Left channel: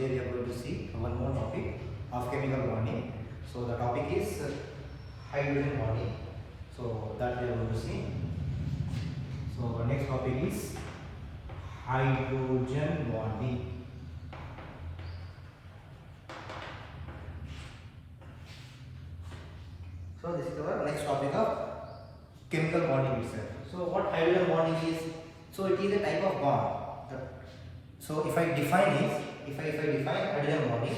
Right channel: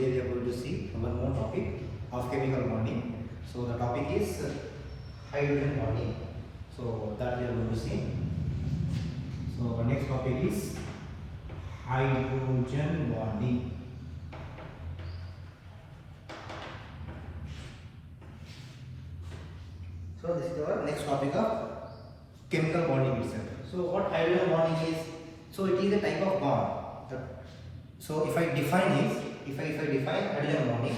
today we are going to see one more topic of chemical bonding. So the topic is hydrogen bonding. So that we are going to see. So our next topic is hydrogen bonding. So this is our next topic of chemical bonding itself. So what hydrogen bonding is? So it is a type of bond. So if I define this, if I define hydrogen bonding,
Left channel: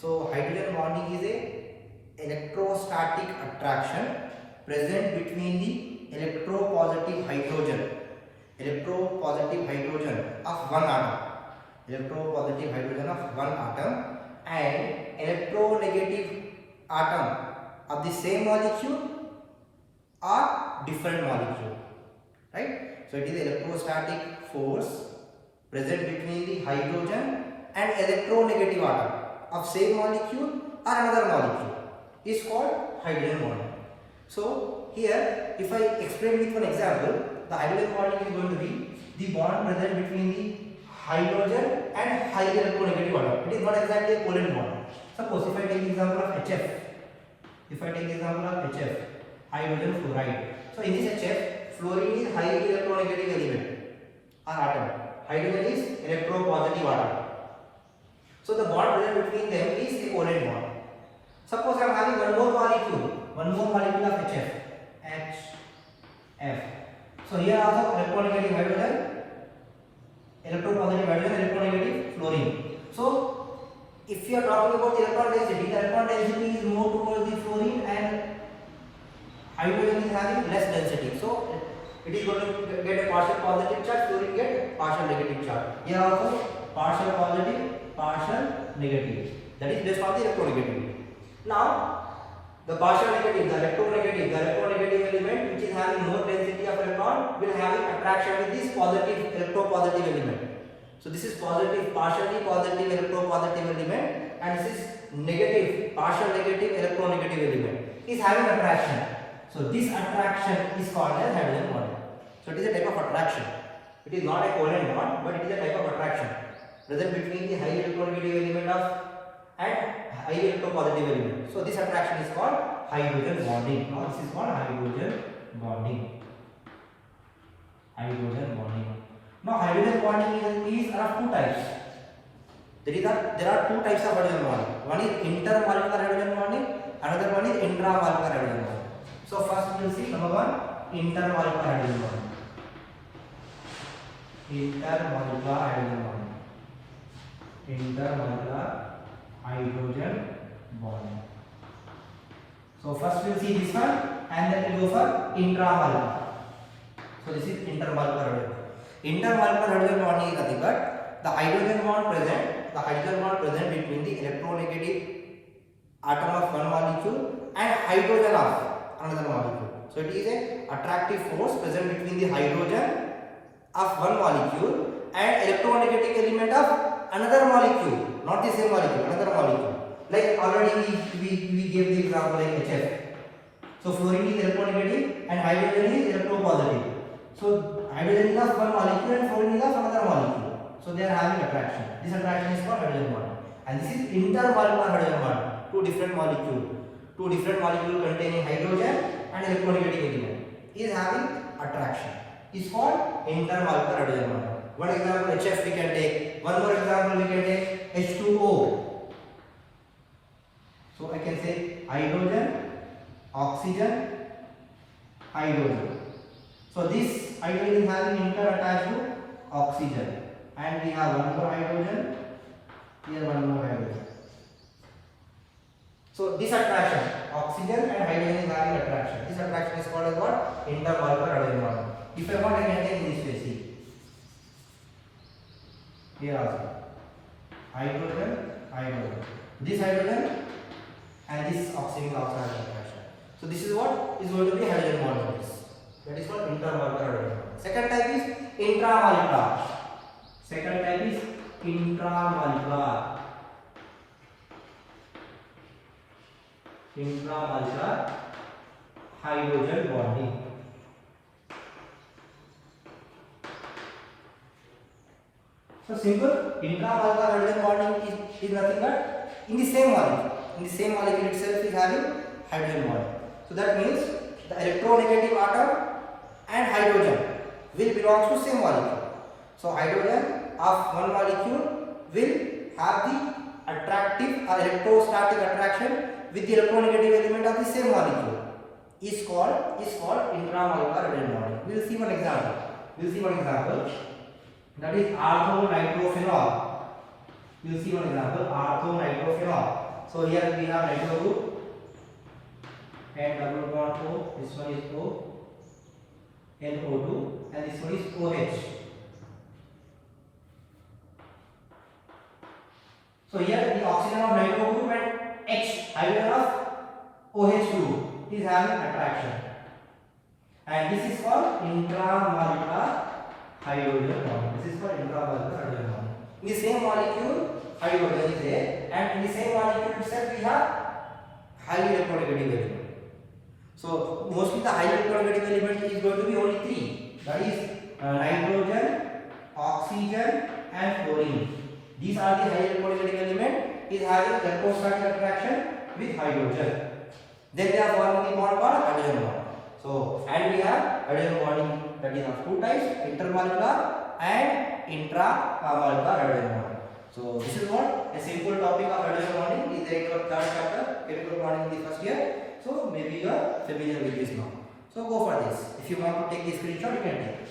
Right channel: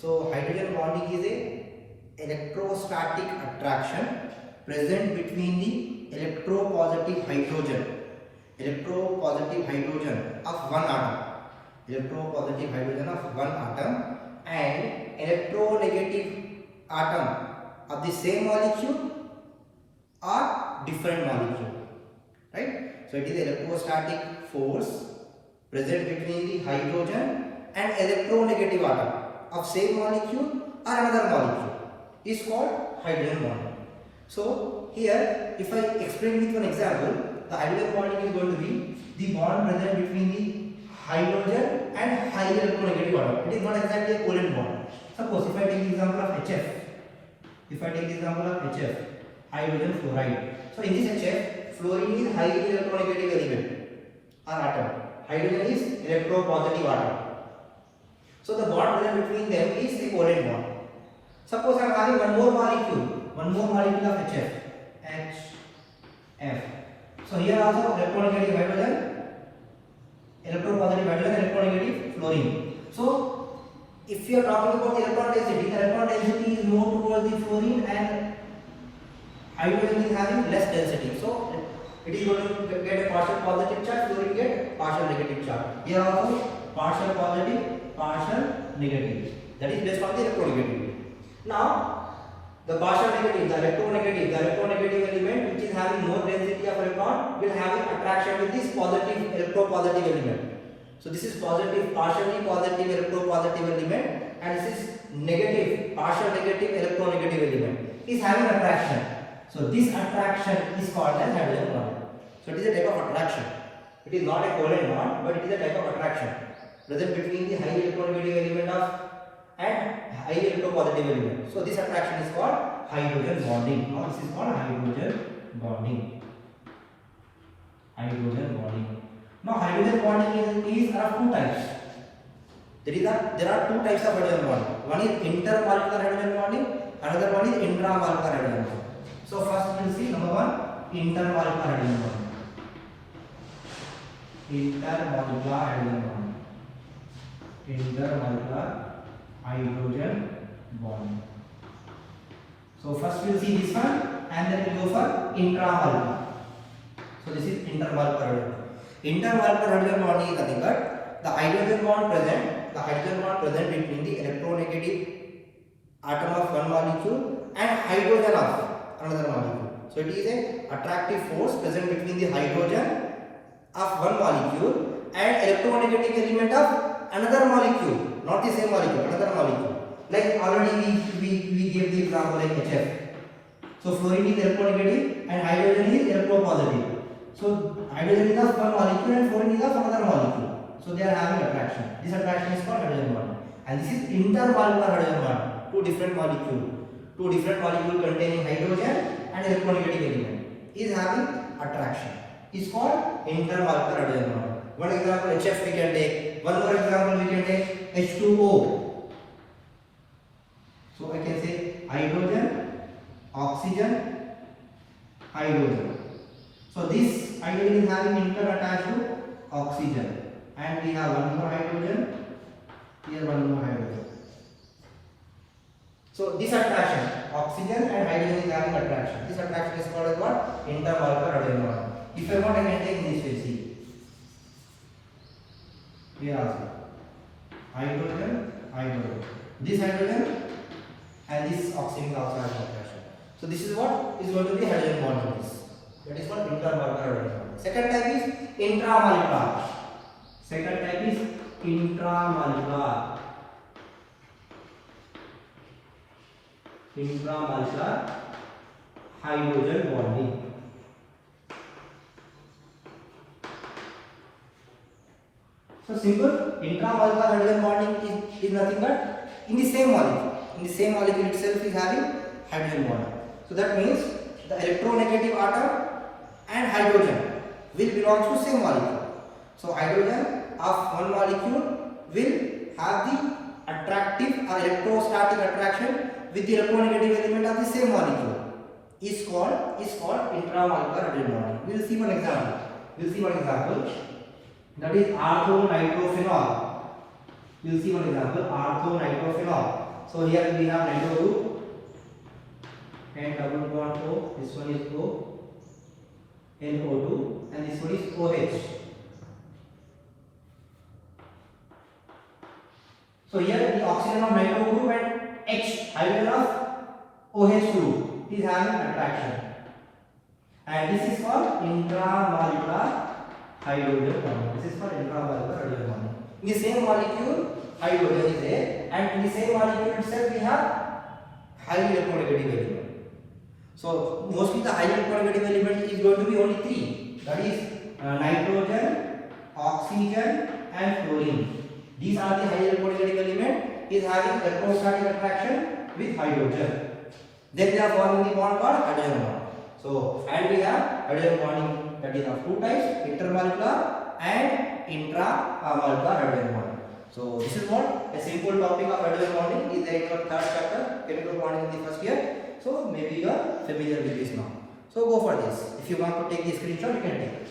so hydrogen bonding is a electrostatic attraction present between the electropositive hydrogen of one atom, and electronegative atom of the same molecule or different molecule, right? So it is electrostatic force present between the hydrogen and electronegative atom of same molecule or another molecule is called hydrogen bonding. So here, if I explain with one example, the hydrogen bonding is going to be the bond present between the hydrogen and highly electronegative atom. It is not exactly a covalent bond. Suppose if I take the example of HF, hydrogen fluoride. So in this HF, fluorine is highly electronegative element or atom. Hydrogen is electropositive atom. So the bond present between them is a covalent bond. Suppose I am having one more molecule of HF. So here also electronegative hydrogen, electropositive hydrogen, electronegative fluorine. So if you are talking about the electron density is more towards the fluorine and hydrogen is having less density. So it is going to get a partial positive charge, fluorine get partial negative charge. Here also partial positive, partial negative. That is based on the electronegativity. Now the partial negative, the electronegative element which is having more density of electron will have an attraction with this positive electropositive element. So this is positive, partially positive electropositive element, and this is negative, partial negative electronegative element is having attraction. So this attraction is called as hydrogen bonding. So it is a type of attraction. It is not a covalent bond, but it is a type of attraction present between the highly electronegative element and highly electropositive element. So this attraction is called hydrogen bonding. Now this is called hydrogen bonding. Now hydrogen bonding is of two types. There are two types of hydrogen bonding. One is intermolecular hydrogen bonding, another one is intramolecular hydrogen bonding. So first we will see number one, intermolecular hydrogen bonding. Intermolecular hydrogen bonding. So first we will see this one and then we will go for intramolecular. So this is intermolecular hydrogen bonding. Intermolecular hydrogen bonding is nothing but the hydrogen bond present between the electronegative atom of one molecule and hydrogen of another molecule. So it is a attractive force present between the hydrogen of one molecule and electronegative element of another molecule, not the same molecule, another molecule. Like already we gave the example like HF. So fluorine is electronegative and hydrogen is electropositive. So hydrogen is of one molecule and fluorine is of another molecule. So they are having attraction. This attraction is called hydrogen bonding. And this is intermolecular hydrogen bonding. Two different molecules containing hydrogen and electronegative element is having attraction. It's called intermolecular hydrogen bonding. One example HF we can take. One more example we can take H2O. So I can say hydrogen, oxygen, hydrogen. So this hydrogen is having inter attached to oxygen, and we have one more hydrogen. Here one more hydrogen. So this attraction, oxygen and hydrogen is having attraction. This attraction is called as what? Intermolecular hydrogen bonding. If I want, I can take this way. Here also hydrogen. This hydrogen and this oxygen also has attraction. So this is what is going to be hydrogen bond. That is called intermolecular hydrogen bond. Second type is intramolecular. Intramolecular hydrogen bonding. So simple. Intramolecular hydrogen bonding is nothing but in the same molecule. In the same molecule itself is having hydrogen bond. So that means the electronegative atom and hydrogen will belong to same molecule. So hydrogen of one molecule will have the attractive or electrostatic attraction with the electronegative element of the same molecule is called intramolecular hydrogen bonding. We will see one example. That is orthonitrophenol. We will see one example, orthonitrophenol. So here we have nitro group and double bond O. This one is O, NO2, and this one is OH. So here the oxygen of nitro group and H, hydrogen of OH group is having attraction, and this is called intramolecular hydrogen bond. This is called intramolecular hydrogen bond. In the same molecule, hydrogen is there, and in the same molecule itself we have highly electronegative element. So mostly the highly electronegative element is going to be only three. That is nitrogen, oxygen, and fluorine. These are the highly electronegative element is having electrostatic attraction with hydrogen. Then we are forming the bond called hydrogen bond. So and we have hydrogen bonding that is of two types, intermolecular and intramolecular hydrogen bonding. So this is what a simple topic of hydrogen bonding is there in your third chapter, chemical bonding in the first year. So maybe you are familiar with this now. So go for this. If you want to take the screenshot, you can take it.